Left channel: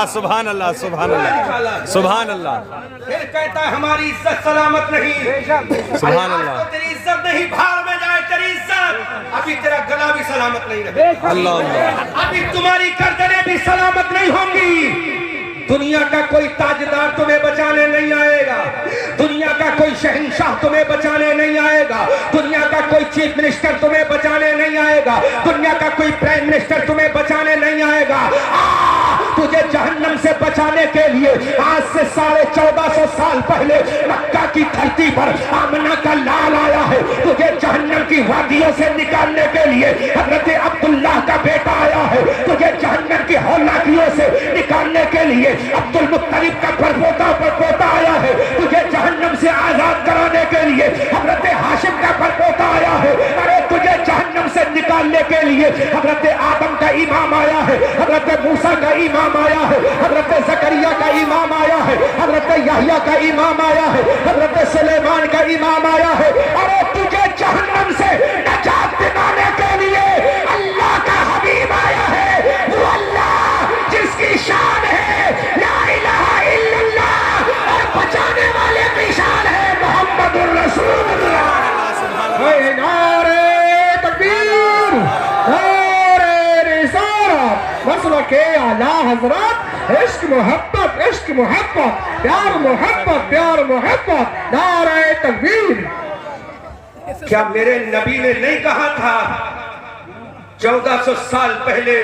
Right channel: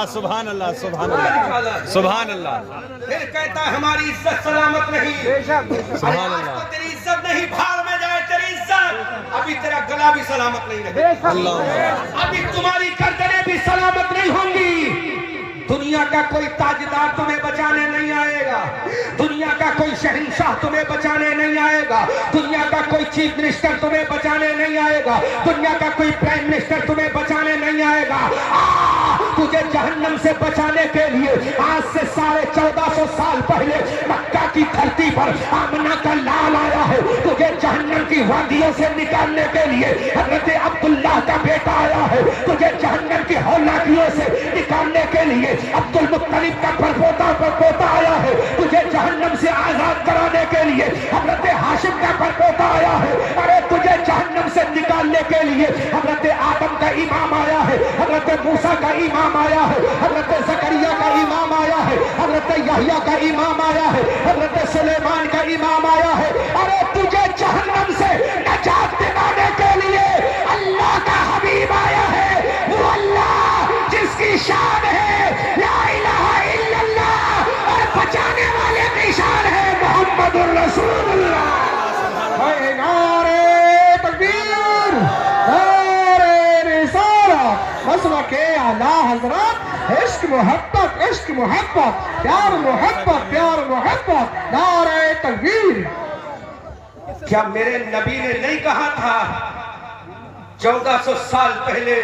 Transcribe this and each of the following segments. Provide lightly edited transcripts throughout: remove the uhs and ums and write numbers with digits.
अल्लाह, सुभान अल्लाह, सुभान अल्लाह, सुभान अल्लाह। फिर कहता है हमारी इज्जत सलामत नहीं। सुभान अल्लाह। तो तेरी इज्जत नहीं, भाड़ में जाए तेरी इज्जत। अभी तेरा गला भी सलामत नहीं रहेगा, अल्लाह। अभी तुम्हारी गर्दनें भी सलामत नहीं होंगी। दुनिया का कोई ताजदार तुम्हें बचाने नहीं आएगा, दुनिया का कोई शहंशाह तुम्हें बचाने नहीं आएगा, दुनिया का कोई चीफ मिनिस्टर तुम्हें बचाने नहीं आएगा, दुनिया का कोई प्राइम मिनिस्टर तुम्हें बचाने नहीं आएगा। तुझे जहन्नम से बचाने के लिए आज से 1450 साल पहले मक्का की धरती पर आमना का लाल आया है। तुझे जहन्नम की वादियों से निकालने के लिए हजरत अब्दुल्लाह का बेटा आया है। तुझे जहन्नम की हौलाकियों से निकालने के लिए अब्दुल मुत्तलिब का परपोता आया है। तुझे जहन्नम से आजाद कराने के लिए हजरत हाशिम का परपोता आया है। अरे तुझे जहन्नम से निकालने के लिए हजरत आदम का इमाम आया है, हजरत मूसा का इमाम आया है, हजरत जकरिया का इमाम आया है, हजरत यहया का इमाम आया है, हजरत सुलेमान का इमाम आया है। अरे तुझे जहन्नम से निजात दिलाने के लिए अल्लाह का हबीब आया है। वो अल्लाह जिसकी शान है ला इलाहा इल्लल्लाह, और बचाने वाले की शान है मोहम्मदुर रसूलुल्लाह। नारे तकबीर, नारे रिसालत, मसलके आला हज़रत, इश्क मोहब्बत, इश्क मोहब्बत, प्यार मोहब्बत, प्यार मोहब्बत, नारे तकबीर। क्या मेरे नबी ने नहीं कहा था 1400 साल पहले,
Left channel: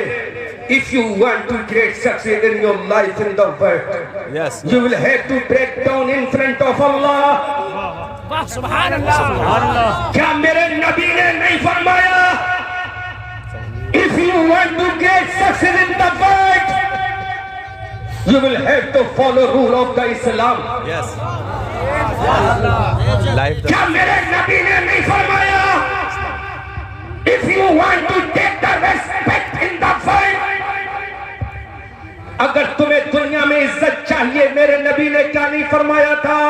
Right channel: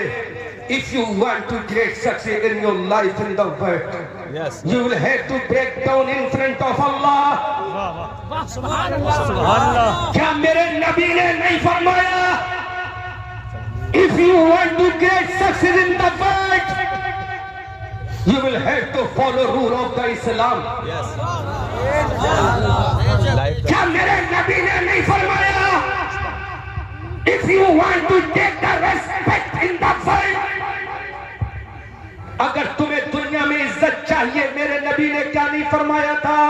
if you want to great success in your life in the world, Yes. you will have to break down in front of Allah. सुभान अल्लाह। क्या मेरे नबी ने नहीं फरमाया if you want to get success in the world, you will have to follow rule of the Islam. Yes. Life. क्या मेरे नबी ने नहीं फरमाया if you want to take the respect in the world, अगर तुम्हें दुनिया में इज्जत चाहिए, मेरे नबी ने क्या नहीं फरमाया था?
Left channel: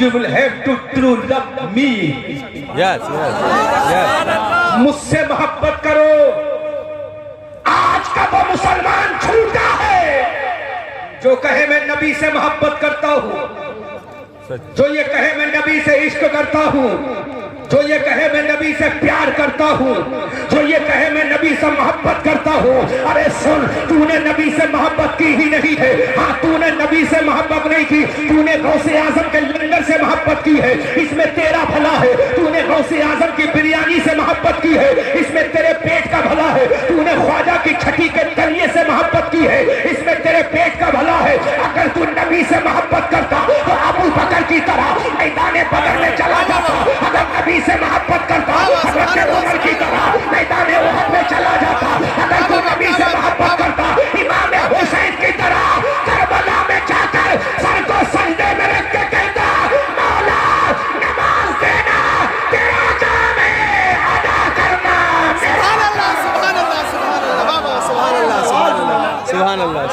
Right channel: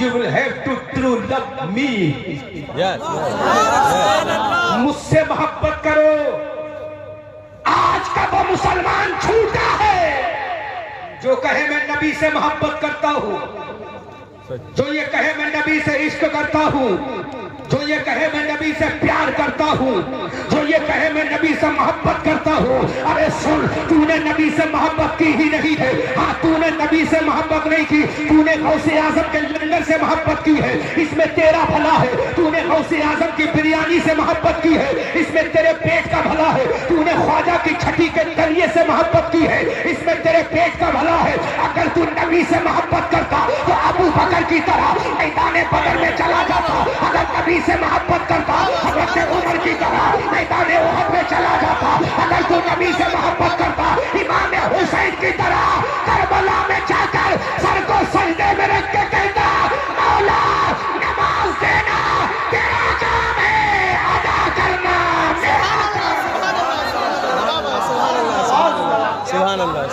You will have to true love me. Yes. Yes. मुझसे मोहब्बत करो। आज का वो मुसलमान छूटा है जो कहे मैं नबी से मोहब्बत करता हूँ, जो ये कहे मैं नबी से इश्क करता हूँ, जो ये कहे मैं नबी से प्यार करता हूँ, जो ये कहे मैं नबी से मोहब्बत करता हूँ। अरे सुन, तूने नबी से मोहब्बत की ही नहीं है। हाँ, तूने नबी से मोहब्बत नहीं की, तूने गौसे आजम के लंगर से मोहब्बत की है, इसमें तेरा भला है। तूने गौसे आजम की बिरयानी से मोहब्बत की है, इसमें तेरे पेट का भला है। तूने ख्वाजा की छठी के तलिए से मोहब्बत की है, इसमें तेरे पेट का भला है। अगर तू नबी से मोहब्बत करता तो अबू बकर की तरह मैदान बदर में चला जाता। अगर नबी से मोहब्बत करता हज़रत उमर की तरह मैदान उहद में चला जाता। अगर तू नबी से मोहब्बत करता इमाम हुसैन की तरह करबला में जाकर सर को सजदे में रख के कहता, मौला नमाज देना तेरा काम है, अदा करना। सुभान अल्लाह,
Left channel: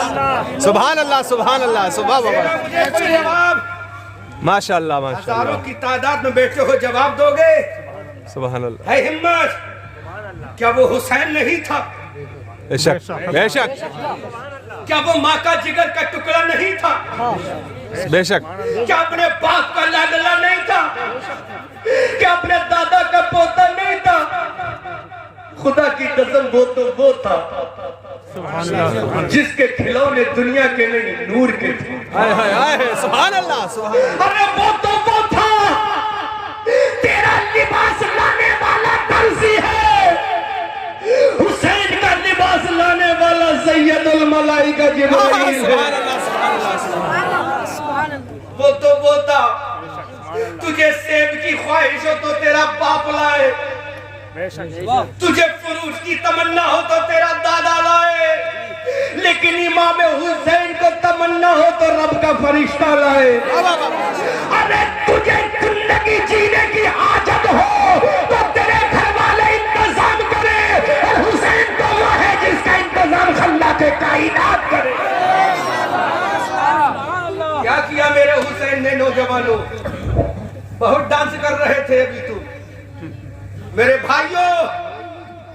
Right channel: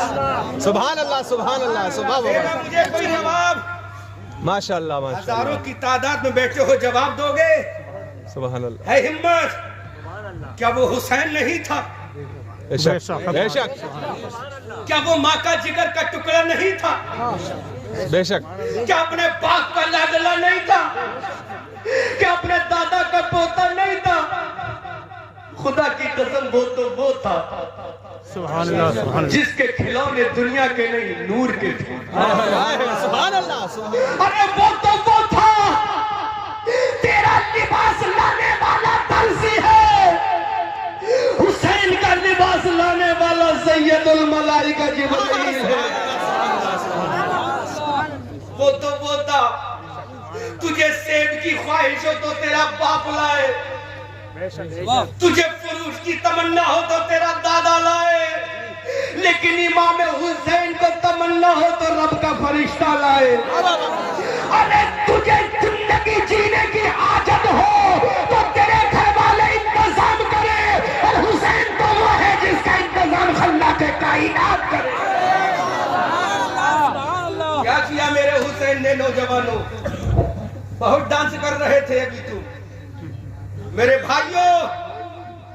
सुभान अल्लाह, सुभान अल्लाह, सुभान अल्लाह। मुझे कोई जवाब, माशाअल्लाह, हजारों माशाअल्लाह, की तादाद में बैठे हो, जवाब दोगे? सुभान अल्लाह। है हिम्मत? क्या वो हुसैन नहीं था? बेशक, बेशक, क्या वो माँ का जिगर का टुकड़ा नहीं था? बेशक। क्या अपने बाप का लाडला नहीं था? क्या अपने दादा का पोता नहीं था? खुदा की कसम, वो तो वो था जिसके खिलौने दुनिया के नहीं नूर के थे। सुभान अल्लाह, सुभान अल्लाह। अरे वो तो वो था, तेरा लिबास लाने वाला दर्जी है, हुसैन का लिबास लाने वाला सैयदुल मलाइका जिब्रील है। वो तो वो था, तुझे सेब की ख्वाहिश हो तो तेरा बाप लाए, तुझे फुरूज की तमन्ना हो तो तेरा दादा लाए, लेकिन इमाम हुसैन को तमन्ना हो तो रब का फरिश्ता लाए। अरे तुझे जिंदगी जीने की आदत हो तो तेरे घर वाले इंतजाम करे। हुसैन तो वो है जिसका इंतजाम अल्लाह के कायनात करे। क्या किया मेरे हुसैन ने? नौजवानों, बहुत डांस कर रहे थे अभी तुम। मेरे भाइयों,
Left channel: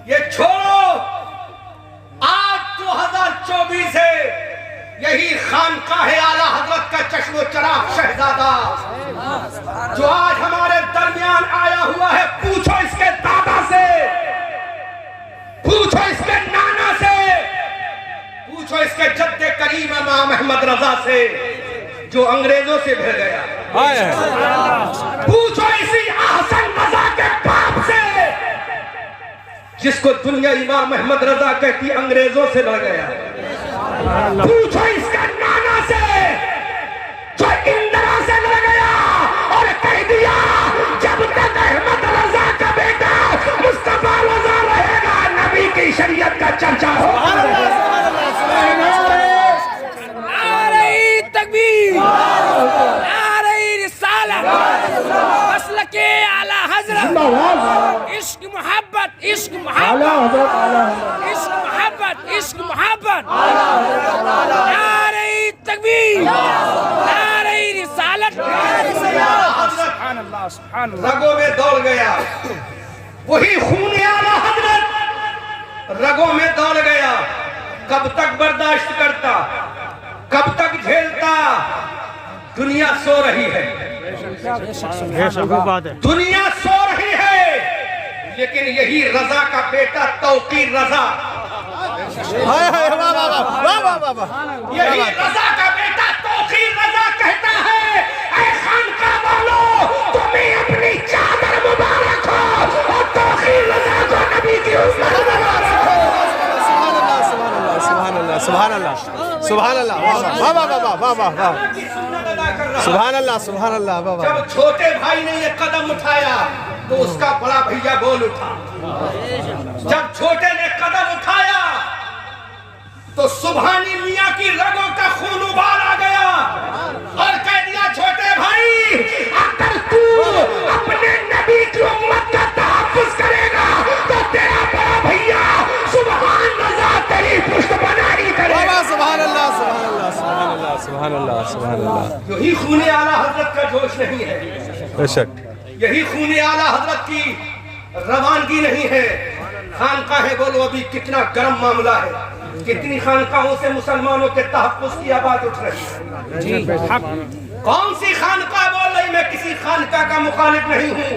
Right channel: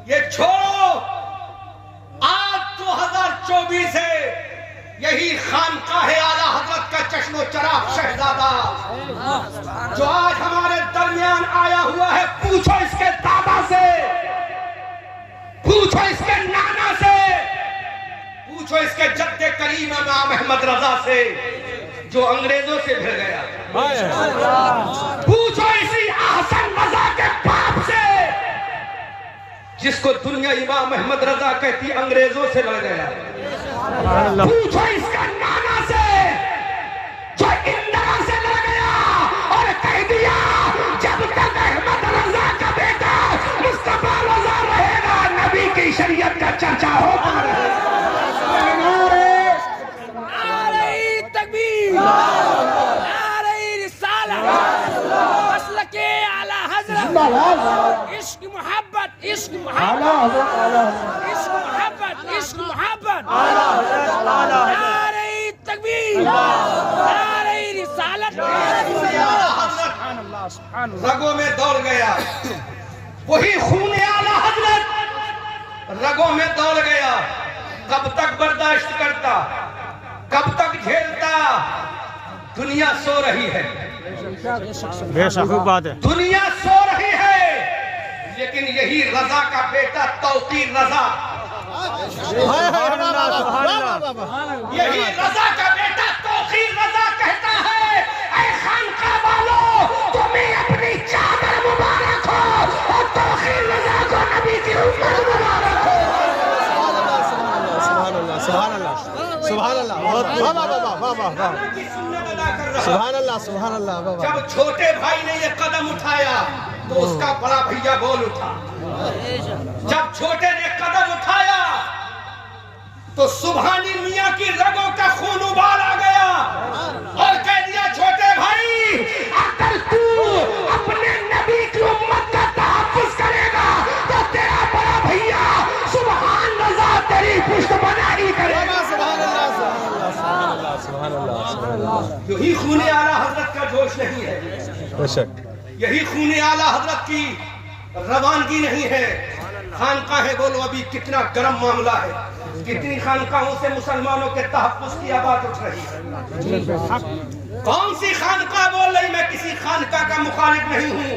ये छोड़ो, आज 2024 है, यही खानकाह आला हजरत का चश्मो चराग शहजादा जो आज हमारे दरमियान आया हुआ है। पूछो इसके दादा से, पूछो इसके नाना से, पूछो इसके जद्दे करीम इमाम अहमद रजा से जो अंग्रेजों से भिड़ गया। पूछो इसी अहसन रजा के बाप से जिसको दुनिया इमाम अहमद रजा कहती अंग्रेजों से लड़ गया। पूछो इसका नाना से जो इंदिरा से लड़ गया और कह दिया जब तक अहमद रजा का बेटा मुस्तफा रजा रहेगा नबी की शरीयत का चर्चा होगा। नारे तकबीर, नारे रिसालत, मसलके आला हजरत, इश्क मोहब्बत, इश्क मोहब्बत, इश्क मोहब्बत, इश्क मोहब्बत, नारे तकबीर, नारे रिसालत। रगों में दौड़ गया वही खून आला हजरत, रगों में दौड़ गया। कब तक बर्दाश्त करता, कब तक झेलता? दुनिया सो रही है, दुनिया सो रही है, लेकिन यही रजा का बेटा तौकीर रजा, यही रजा का बेटा तौकीर रजा कहता है ऐ खानकाह वालों तुम्हें अपनी चादर मुबारक हो और तौकीर रजा को नबी की उम्मत सुभान अल्लाह, सुभान अल्लाह, वाह वाह वाह वाह वाह वाह, की सुन्नत अदा कर रहा है। सुभान अल्लाह, सुभान अल्लाह, वाह वाह। जब छोटे भाई ने ये कदम उठाया तो उसका बड़ा भैया बोल उठा। जब छोटे ने कदम उठाया तो सुभानी मियां की रगों का खून उबाल आ गया और कह दिया छोटे भाई अगर तू अपने नबी की उम्मत का तहफ्फुज़ करेगा तो तेरा बड़ा भैया सुभान रजा तेरी पुष्ट बना ही करेगा। सुभान अल्लाह, सुभान अल्लाह, सुभान अल्लाह, सुभान अल्लाह, सुभान अल्लाह। यही खून आला हजरत का जोश नहीं है, बेशक यही खून आला हजरत की रवानगी नहीं है। खानकाहें बोलो अभी कितना गर्म मामला है, कितनी खानकाहों से मुसलमानों के तहफ्फुज़ की आवाज उठ रही है। कौन सी खानकाह बोल रही? मैं किसी खानकाह का मुखालिफ नहीं हूँ,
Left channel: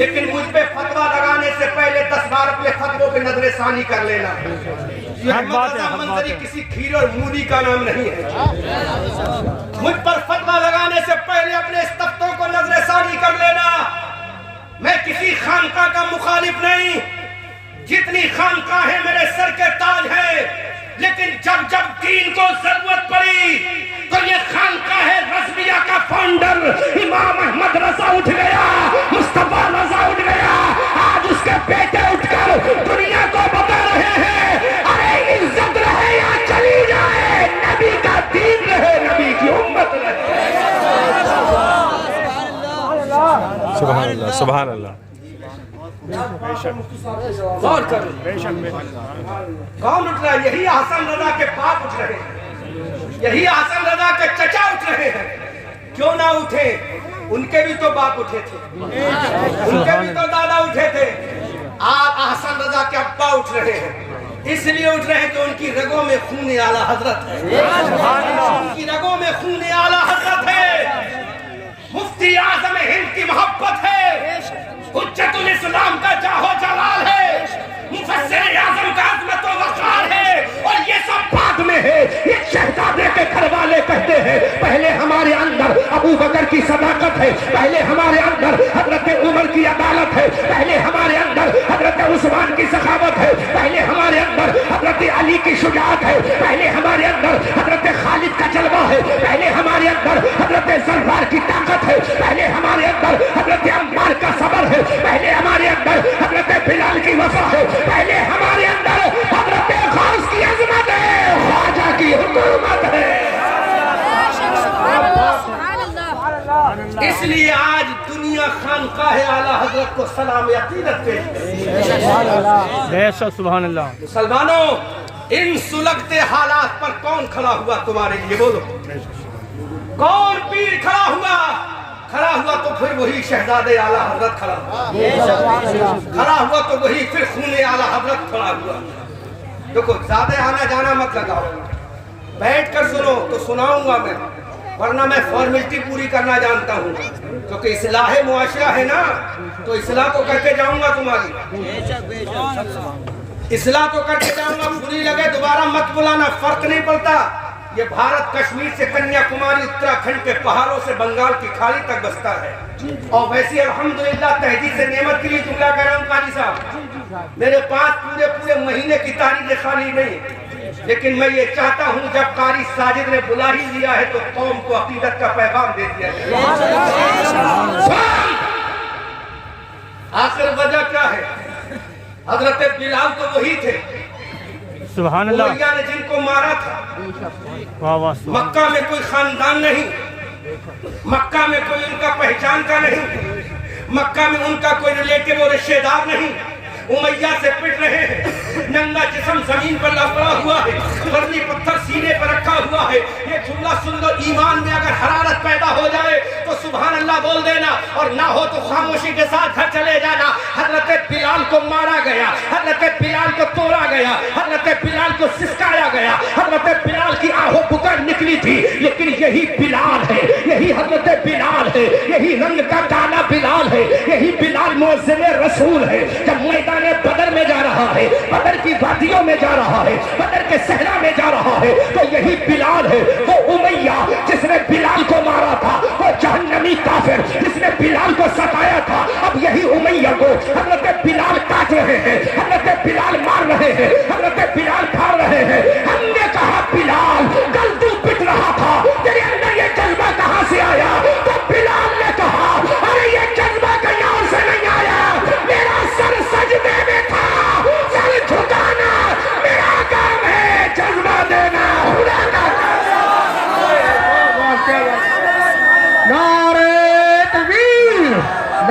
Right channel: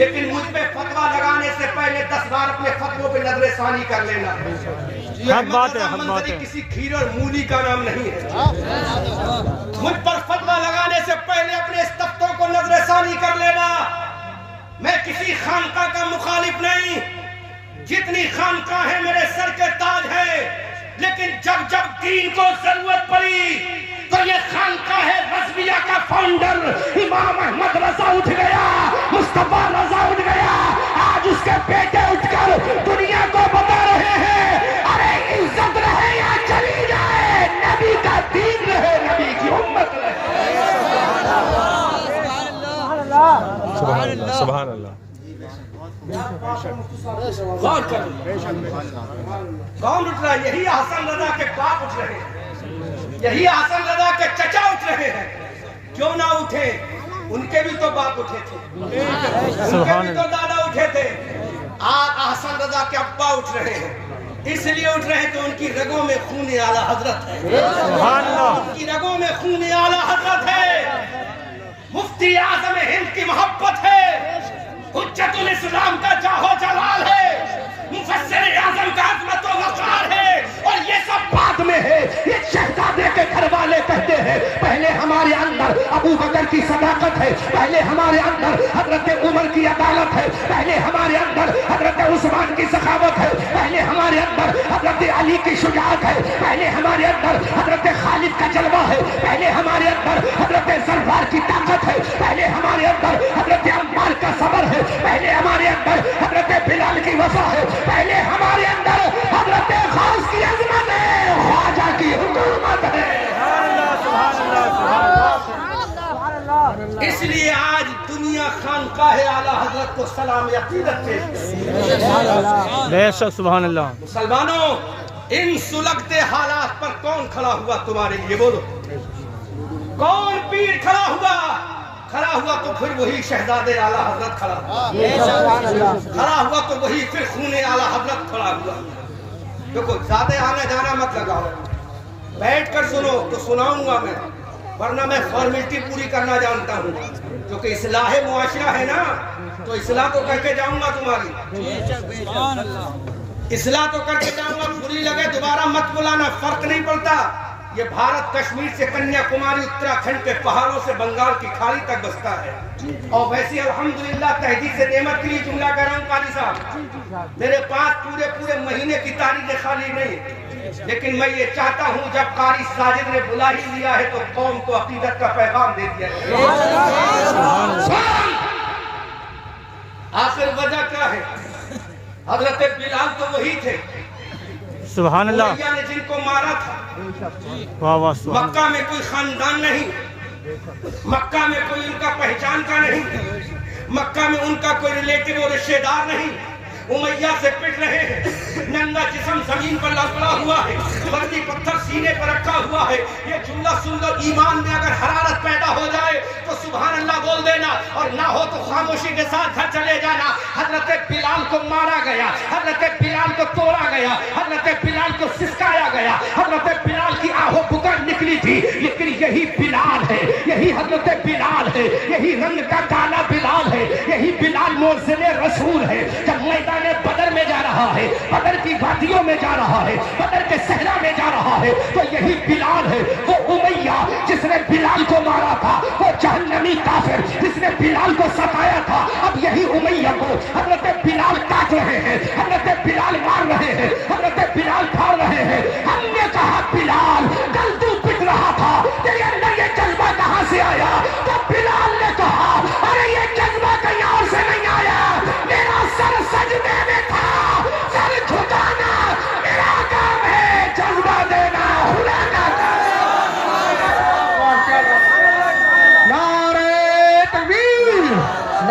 लेकिन मुझ पे फतवा लगाने से पहले 10 बार अपने फतवों पे नजर सानी कर लेना। ये अहमद रजा मंजरी किसी खीर और मूली का नाम नहीं है। मुझ पर फतवा लगाने से पहले अपने इस तख्तों को नजर सानी कर लेना। मैं किसी खानकाह का मुखालिफ नहीं, जितनी खानकाहें मेरे सर के ताज है, लेकिन जब जब दीन को जरूरत पड़ी तो ये खानकाह रज़विया का फाउंडर इमाम अहमद रजा उठ गया, मुस्तफा रजा उठ गया। आज उसके बेटे उठकर दुनिया को बता रहे हैं अरे इज्जत रहे या चली जाए, नबी का दीन रहे, नबी की उम्मत रहे। सुभान अल्लाह, सुभान अल्लाह। गौर करो कौन उठ रहा है? यही हसन रजा के बाप उठ रहे हैं, यही हसन रजा के चचा उठ रहे हैं। क्यों ना उठे? उनके भी तो बाप उठे थे, उनके भी तो दादा उठे थे। आज हसन रजा के अब्बा उठ रहे हैं, इसलिए उठ रहे हैं तो उनकी रगों में खून आला हजरत है, उनकी रगों में खून आला हजरत है। मुफ्ती आजम हिंद की मोहब्बत है, हुज्जतुल इस्लाम का जाहो जलाल है, मुफस्सिर आजम का अज़मत व वक़ार है, और ये सब बाद में है। ये शहजादे के घर वाले कहते हैं पहले हमारे अंदर अबू बकर की सदाकत है, पहले हमारे अंदर हजरत उमर की अदालत है, पहले हमारे अंदर हजरत उस्मान की सखावत है, पहले हमारे अंदर हजरत अली की शुजाअत है, पहले हमारे अंदर हजरत खालिद का जलवा है, पहले हमारे अंदर हजरत ज़रबार की ताकत है, पहले हमारे अंदर हजरत अम्मार का सबर है, पहले हमारे अंदर हजरत बिलाल की वफा है, पहले हमारे अंदर हजरत गौस की अज़मत है, ख्वाजा की हुकूमत है। इसलिए आज दुनिया खानकाह आला हजरत को सलाम अकीदत पेश। बेशक सुभान अल्लाह। मुसलमानों, इन सुलगते हालात पर कौन खड़ा हुआ तुम्हारे लिए? बोलो, कौन पीर खड़ा हुआ? खड़ा हुआ तो फिर वही शहजादे आला हजरत खड़ा हुआ, खड़ा हुआ तो वही फिर खूने आला हजरत खड़ा हुआ। देखो, ज्यादा आना जाना मत लगाओ, बैठ कर सुनो तो सुनाऊंगा मैं, वरना मैं फॉर्मेलिटी पूरी करना जानता हूँ, क्योंकि इस्लाह मुआशरा है ना, तो इस्लाह तो करके जाऊंगा तुम्हारी, इस्लाह तो करके जाऊंगा। बुरी लगे दोबारा मत बुलाना, फर्क नहीं पड़ता। ये भारत कश्मीर से कन्याकुमारी, उत्तराखंड के पहाड़ों से बंगाल की खाड़ी तक बसता है। और वैसे अल्हम्दुलिल्लाह तहजीब से नेमत के लिए जुमला कर रहा हूँ काजी साहब, मेरे पास पूरे पूरे महीने की तारीख खाली नहीं, लेकिन मैं ये चाहता हूँ जब कारी साजिद ने बुला ही लिया है तो कौम को अकीदत का पैगाम दे दिया है। आखिर वजह क्या है? हजरत बिलाल तो वही थे, सुभान अल्लाह, उमैया ने जिनको मारा था। वाह वाह, मक्का में कोई खानदान नहीं, मक्का में कोई उनका पहचान का नहीं, मक्का में उनका कोई रिलेटिव और रिश्तेदार नहीं। उमैया से पिट रहे हैं, नंगा जिस्म जमीन पर लपड़ा हुआ है, बर्नी पत्थर सीने पर रखा हुआ है। ये जुमला सुन लो, ईमान में अगर हरारत पैदा हो जाए तो सुभान अल्लाह बोल देना, और ना हो तो खामोशी के साथ घर चले जाना। हजरत बिलाल को मारा गया, हजरत बिलाल को तोड़ा गया, हजरत बिलाल को सिसकाया गया, हजरत बिलाल की आहो पुकार निकली थी, लेकिन यही बिलाल है, यही हजरत बिलाल है, यही रंग का काला बिलाल है, यही बिलाल मुअज्जिन रसूल है। जब मैदान बदर में जा रहा है, बदर की वादियों में जा रहा है, बदर के सहरा में जा रहा है, तो यही बिलाल है। वो उमैया जिसने बिलाल को मारा था, वो जहन्नमी काफिर जिसने बिलाल को सताया था, अब यही उमैया को हजरत बिलाल काट रहे हैं, हजरत बिलाल मार रहे हैं, हजरत बिलाल खा रहे हैं। हमने कहा बिलाल कल तू पिट रहा था, तेरे अंदर ये जज्बा कहां से आया? तो बिलाल ने कहा अरे ये जज्बा कहीं और से नहीं आया, मेरा सर सजदे में था, सर झुकाना मेरा काम है, जज्बा देना हुलाना। नारे तकबीर,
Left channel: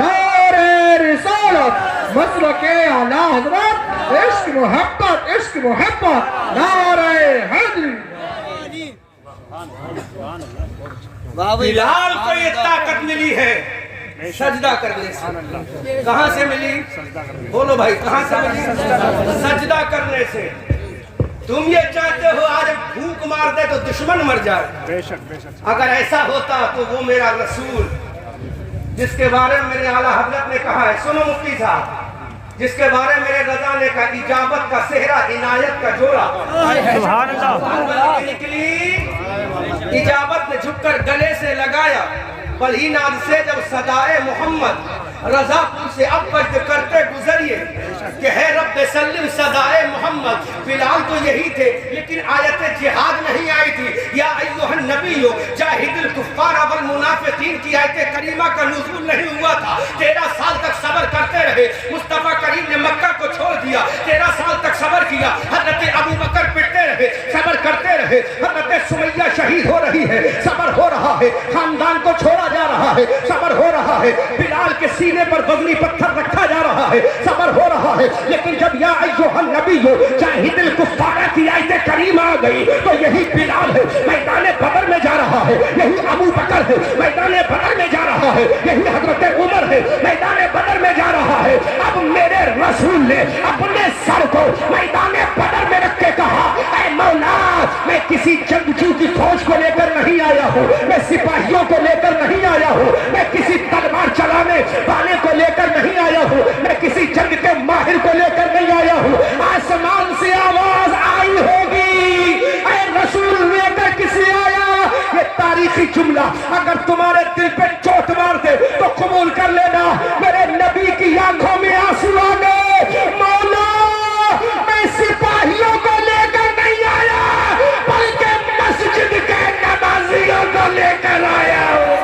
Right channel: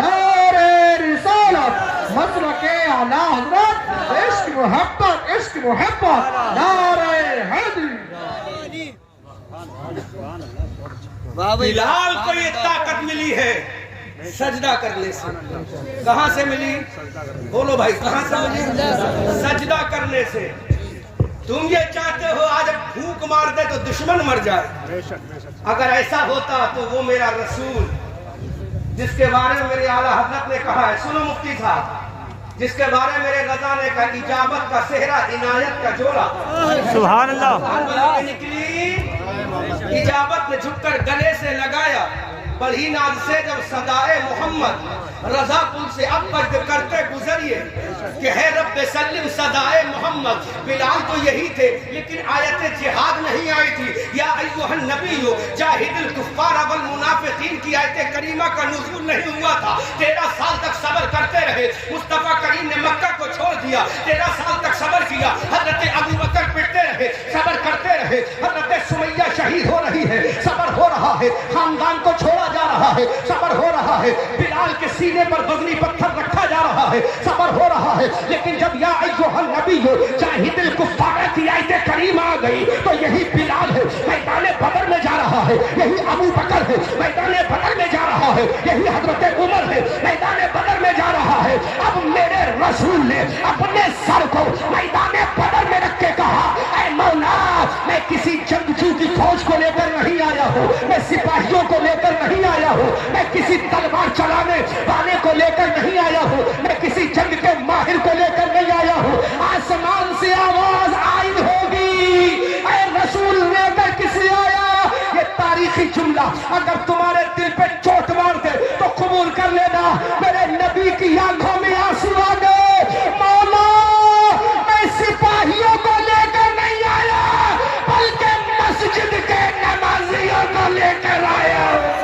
नारे रिसालत, मसलके आला हज़रत, इश्क मोहब्बत, इश्क मोहब्बत, नारे हैदरी। बिलाल को ये ताकत मिली है सजदा करने से। कहां से मिली? बोलो भाई, कहां से मिली? सजदा करने से। तुम ये चाहते हो आज भूख मार दे तो दुश्मन मर जाए, अगर ऐसा होता तो वो मेरा रसूल जिसके बारे में मेरे आला हजरत ने कहा है, सुनो मुफ्ती साहब, जिसके बारे में मेरे रजा ने कहा इजाबत का सेहरा, इनायत का जोड़ा, सुभान अल्लाह, निकली इजाबत ने झुककर गले से लगाया, बड़ी नाद से जब सदाए मोहम्मद रजा पुल से अब वज्द करते गुजरिए कि है रब सल्लिम सदाए मोहम्मद। बिलाल तो यही थे, लेकिन आयत जिहाद नहीं आई थी। या अय्युहन नबी जाहिदुल कुफ्फार वल मुनाफिकीन की आयत करीमा का नुज़ूल नहीं हुआ था। 13 साल तक सब्र करते रहे। मुस्तफा करीम ने मक्का को छोड़ दिया, 13 साल तक सब्र किया। हजरत अबू बकर पिटते रहे, सब्र करते रहे। हजरत सुमैया शहीद हो रही है, सब्र हो रहा है। खानदान को छोड़ा जा रहा है, सब्र हो रहा है। बिलाल के सीने पर वज़नी पत्थर रखा जा रहा है, सब्र हो रहा है। लेकिन जब या अय्युहन नबी जाहिदुल कुफ्फार की आयत करीमा आ गई तो यही बिलाल है, मैदान बदर में जा रहा है। यही अबू बकर है, मैदान बदर में जा रहा है। यही हजरत उमर है, मैदान बदर में जा रहा है। अब मेरे रसूल ने अपने सर को मैदान बदर में रख के कहा, ऐ मौला, मैं किसी जंगजू की फौज को लेकर नहीं आया हूँ, मैं सिपाहियों को लेकर नहीं आया हूँ, मैं किसी तलवार चलाने वाले को लेकर नहीं आया हूँ, मैं किसी जंग के माहिर को लेकर नहीं आया हूँ। आसमान से आवाज आई होगी, ऐ रसूल लेकर किसे आया? ये तारीखी जुमला अगर तुम्हारे दिल पे चोट मार दे तो कबूल कर लेना। मेरे नबी की आंखों में आंसू आ गए। मौला, मैं सिपाहियों को लेकर नहीं आया, बल्कि मस्जिद के नमाजियों को लेकर आया हूँ।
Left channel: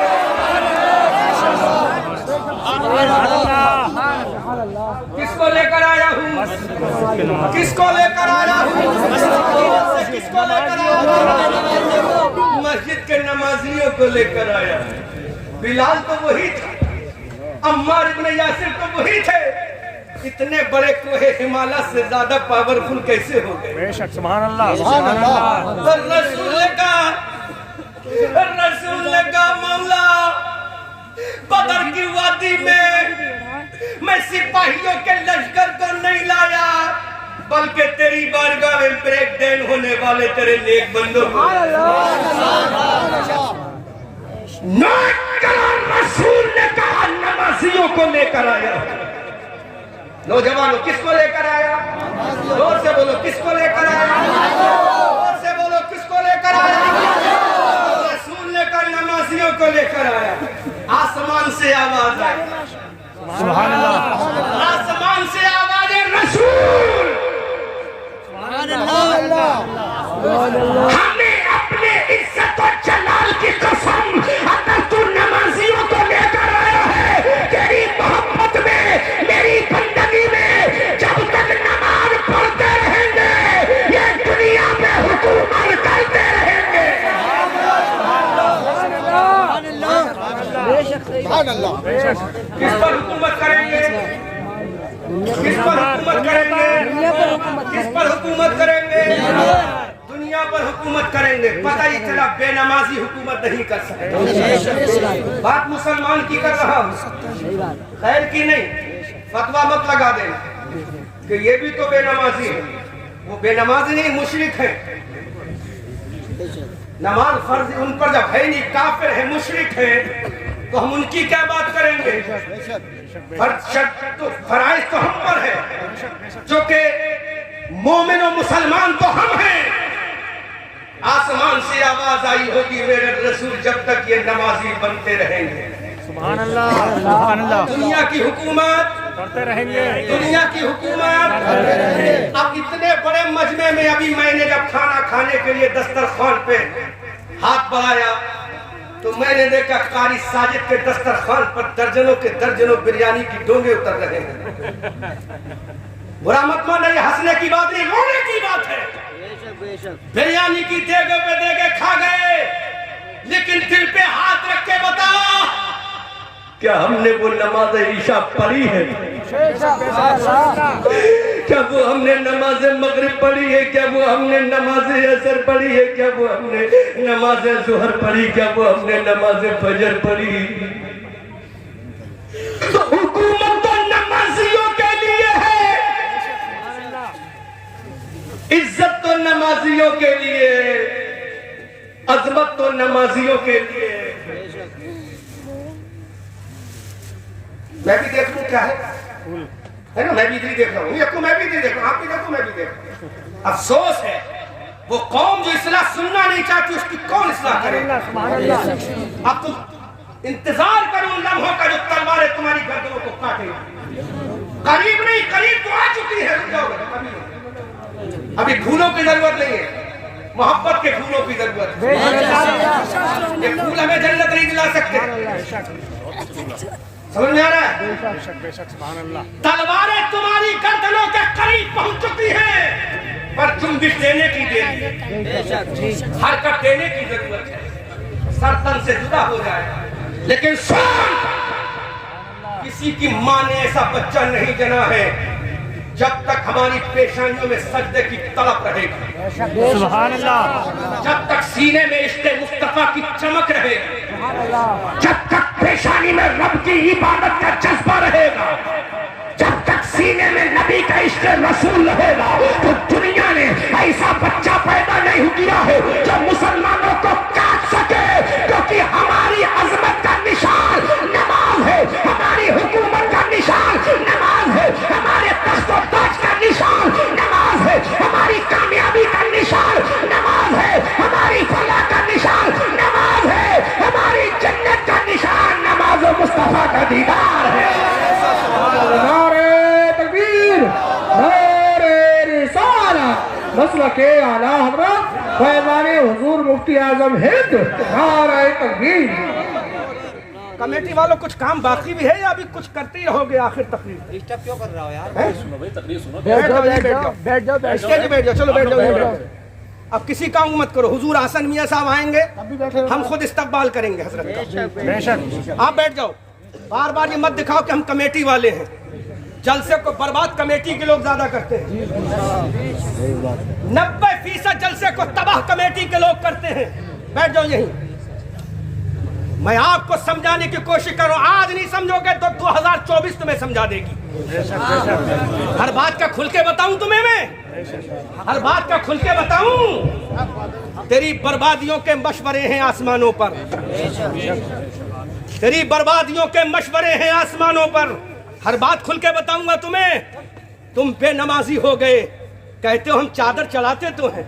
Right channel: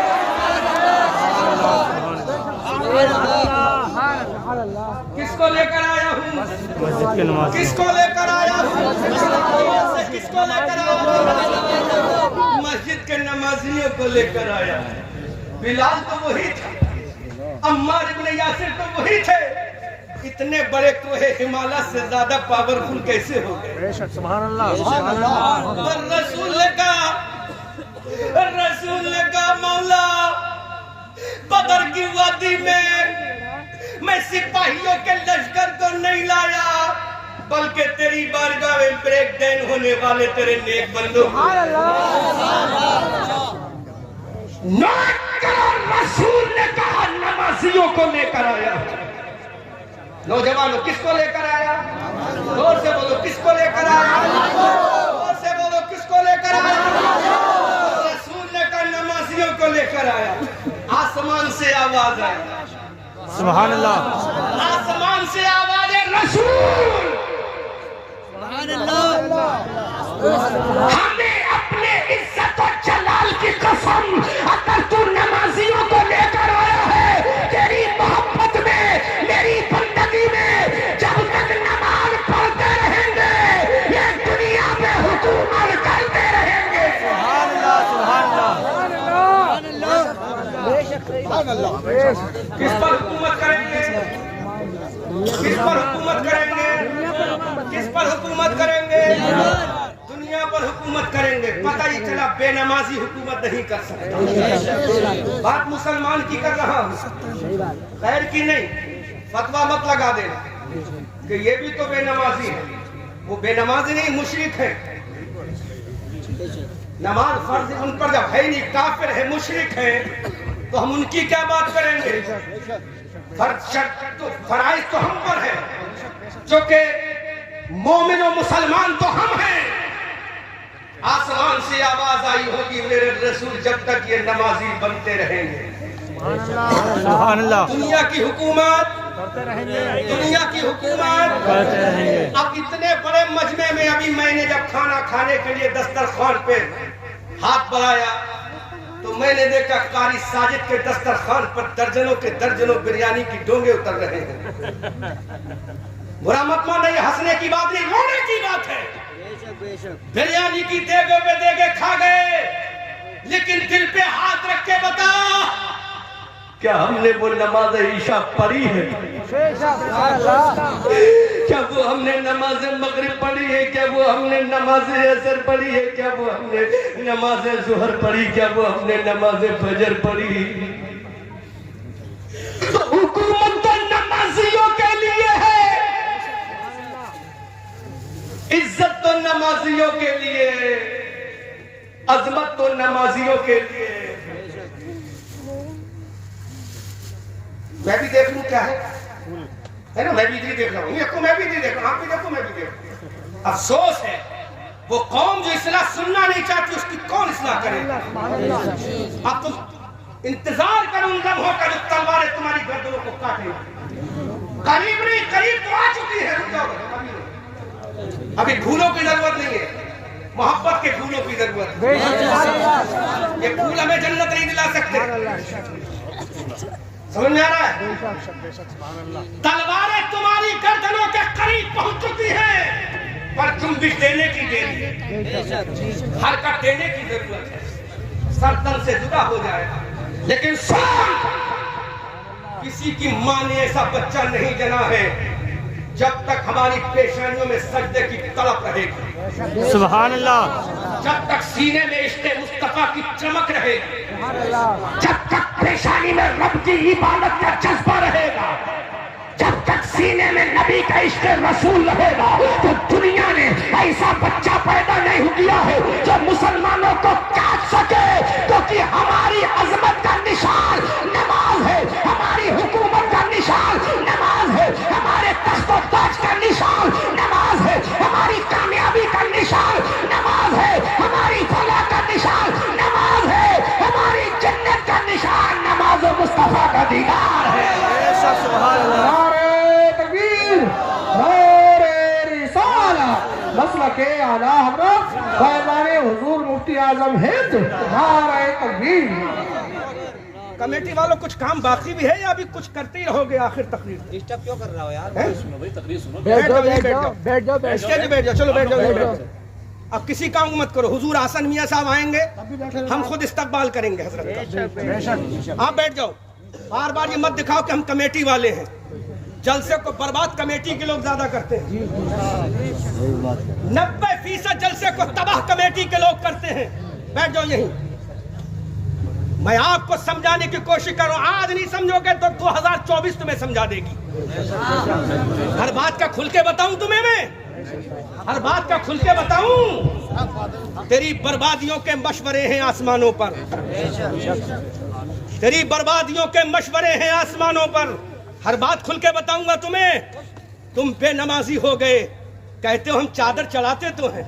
किसको लेकर आया हूँ? किसको लेकर आया हूँ? किसको लेकर आया हूँ? मस्जिद के नमाजियों को लेकर आया। बिलाल तो वही था, अम्मार इब्न यासिर तो वही थे। इतने बड़े कोहे हिमालय से ज्यादा पावरफुल कैसे हो गए? बेशक, सुभान अल्लाह। और रसूल ने कहा मौला, बदर की वादी में मैं सिपाहियों के लश्कर को नहीं लाया, बल्कि तेरी बारगाह में ब्रेक डाउन होने वाले तेरे नेक बंदों को रसूल ने कहा नमाजियों को लेकर आया। नौजवानों किसको लेकर आया? जोर से बोलो किसको लेकर आया? जोर से बोलो किसको लेकर आया? रसूल लेकर नमाजियों को लेकर आया। आसमान से आवाज आई, सुभान अल्लाह, आसमान से आवाज है रसूल। हमें अपने इज्जत और जलाल की कसम, अगर तू नमाजियों को लेकर आया है तेरी मोहब्बत में, मेरी बंदगी में, जब तक नमाज पढ़ते रहेंगे ये दुनिया में हुकूमत करते रहेंगे। किस पर हुकूमत करेंगे? किस पर हुकूमत करेंगे? किस पर हुकूमत करेंगे? दुनिया पर हुकूमत करेंगे। पता ही चला बेनमाजी हुकूमत नहीं कर सकते। बात मुसलमान की कर रहा हूँ, खैर की नहीं। फतवा मत लगा देना कि ये भी तो बेनमाजी है। वो बेनमाजी नहीं, मुशरिक है। नमाज फर्ज उन पर जब है नहीं, काफिर है, मुशरिक है, तो हम उनकी क्या बात करेंगे? फराइज तो हम पर है, जो कि मोमिन और मुसलमान तो हम हैं। आसमान से आवाज आई होगी मेरे रसूल, जब तक ये नमाजी बनते रहेंगे सुभान अल्लाह, दुनिया की हुकूमत करते रहेंगे, दुनिया की हुकूमत। अब इतने बड़े मजमे में अभी मैंने जब खाना खाने के लिए दस्तरखान पे हाथ बढ़ाया तो मैंने देखा कारी साजिद के दस्तरखान पर दर्जनों के दर्जनों बिरयानी की डोंगे उतर रहे हैं। बुरा मत मानो, ये हंसने की बात नहीं, रोने की बात है। बिरयानी की देगे पे देगे खा गए, लेकिन दिल पे हाथ रख के बता, क्या हमने वो नमाज ईशा पढ़ी है? क्या वो हमने नमाज मगरिब पढ़ी है? क्या वो हमने नमाज असर पढ़ी है? क्या वो हमने नमाज जुहर पढ़ी? क्या वो हमने नमाज फजर पढ़ी? तो हुकूमत तो नमाजियों के लिए है, इज्जत तो नमाजियों के लिए, अजमत तो नमाजियों के लिए। मैं भी देख लूं क्या है ना? मैं भी इधर देख रहा हूँ, मैं भी इधर देख रहा हूँ, आप भी देखो, मैं भी देख रहा हूँ। अफसोस है वो कौम जो इस्लाह सुनना नहीं चाहती, उसकी कौन इस्लाह करेगा? अब तुम इंतजार करो उन लम्हों का जो तलवारें तुम्हारी गर्दनों को काटेगी। करीब नहीं, करीब तो आ चुकी है। अभी फूलों की जरूरत नहीं है, मोहब्बत के फूलों की जरूरत है। ये फूल हमें जन्नत नहीं दिला सकते। समझ में आ रहा है? तलवारें तुम्हारी गर्दनों के करीब पहुंच चुकी हैं, पर तुम भी देने की देरी, हरकत देने की जरूरत है। सरतन से जुदा हो जाए, लेकिन किसी की मां ने ऐसा बच्चा नहीं जना है जब तक हमारी पेशानियों में सजदे की तड़प रहेगी, सुभान अल्लाह, जब तक सीने में इश्क़ मुस्तफा की चमक रहेगी, जब तक पेशानी में रब की इबादत का जज्बा रहेगा, जब तक सीने में नबी का इश्क़ रसूल रहेगा, तो दुनिया ने ऐसा बच्चा पैदा नहीं किया है जो मुसलमानों को काट सके, क्योंकि हमारी अजमत का निशान नमाज है, हमारी हुकूमत का निशान नमाज है, हमारे तख्त और ताज का निशान नमाज है, हमारी कामयाबी का निशान नमाज है, हमारी फलाह का निशान नमाज है, हमारी जन्नत का निशान नमाज और मुस्तफा का दीदार है। मसलके आला हज़रत फैज़ान हुज़ूर मुफ्ती आज़म हिंद, नारे तकबीर। कमेटी वालों कुछ काम बाकी भी है या अभी कुछ करते ही रहोगे आखिर तकरीर? डिस्टर्ब क्यों कर रहा हो यार? बैठ जाओ, स्टेज पे बैठ जाओ, चलो बैठ जाओ। अब किसी काम मत करो, हुजूर हसन मियां साहब आएंगे, हम खुद इस्तकबाल करेंगे हजरत का। आप बैठ जाओ, बार बार ये मत दिखाओ कि हम कमेटी वाले हैं। जलसे को बर्बाद कमेटी के लोग ज्यादा करते हैं, 90% जलसे को तबाह कमेटी के लोग करते हैं। बैठ जाओ यहीं, मैं आपको समझाने की कोशिश कर रहा हूं। आज नहीं समझोगे तो 2024 तुम्हें समझा देगी। हर बात का खुल के बताऊं तुम्हें मैं? हर बात का खुल के बताऊं? तेरी बर्बादियों के मशवरे हैं आसमानों पर, तेरी बर्बादियों के मशवरे हैं आसमानों पर। हर बात खुल के बताऊंगा तुम्हें। तुम बेनमाजी हो गए, कहते हो हम चादर चढ़ाते तो हैं,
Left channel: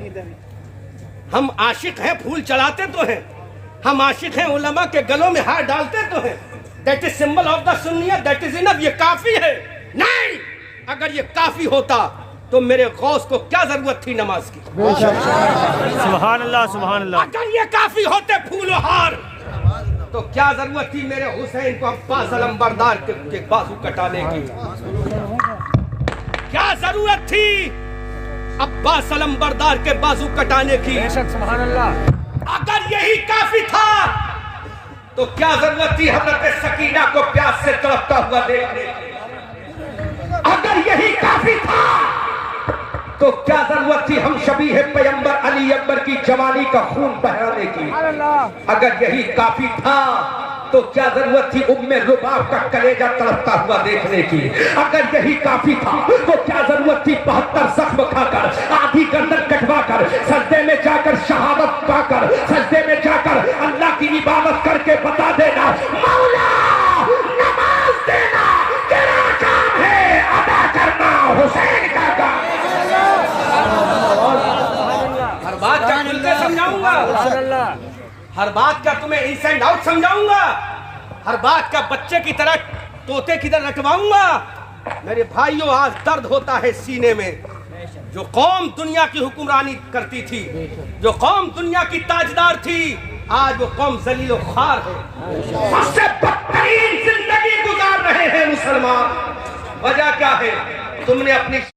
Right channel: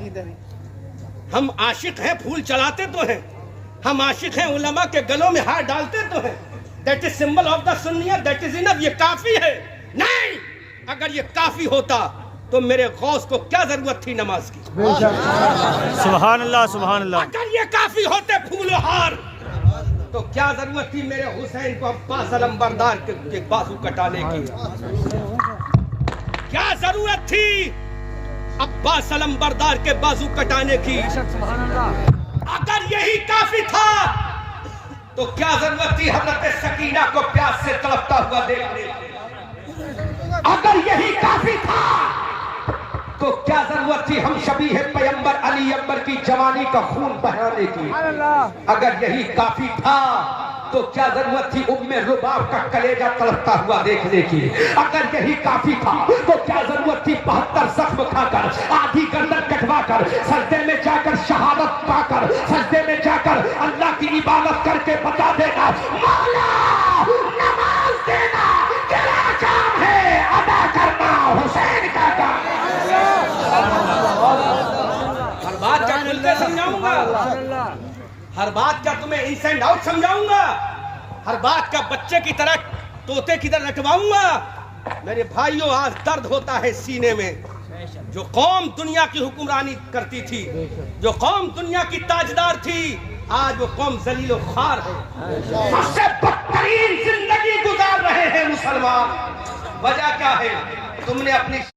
हम आशिक हैं, फूल चढ़ाते तो हैं, हम आशिक हैं, उलमा के गलों में हार डालते तो हैं। That is symbol of the सुन्नियत, दैट इज इनफ, ये काफी है। नहीं, अगर ये काफी होता तो मेरे गौस को क्या जरूरत थी नमाज की? सुभान अल्लाह, सुभान अल्लाह। अगर ये काफी होते फूल और हार तो क्या जरूरत थी मेरे हुसैन को अब्बास अलंबरदार के बाजू कटाने की? क्या जरूरत थी अब्बास अलंबरदार के बाजू कटाने की? अगर यही काफी था तो क्या जरूरत थी हजरत सकीना को प्यास से तड़पता हुआ देखने की? अगर यही काफी था तो क्या जरूरत थी हम शबीह पैगंबर अली अकबर की जवानी का खून बहाने की? अगर यही काफी था तो क्या जरूरत थी उम्मे रुबाब का कलेजा तड़पता हुआ देखने की? अगर यही काफी था तो क्या जरूरत थी 72 जख्म खाकर, आधी गर्दन कटवाकर, सजदे में जाकर शहादत पाकर, सजदे में जाकर अल्लाह की इबादत करके बता देना, मौला नमाज देना तेरा काम है, अदा करना हुसैन का काम। हर बात क्या खुलकर समझाऊंगा, हर बात क्या तुम्हें इनसाइड आउट समझाऊंगा, हर बात का बच्चे की तरह तोते की तरह रटवाऊंगा। मेरे भाइयों, आज दर्द होता है सीने में। जो कौम दुनिया की हुक्मरानी करती थी, जो कौम दुनिया की ताजदार थी, आज वो कौम जलील और खार है। सबसे बदतरीन जिंदगी गुजार रहे हैं मुसलमान। वजह क्या है? तुमने अपनी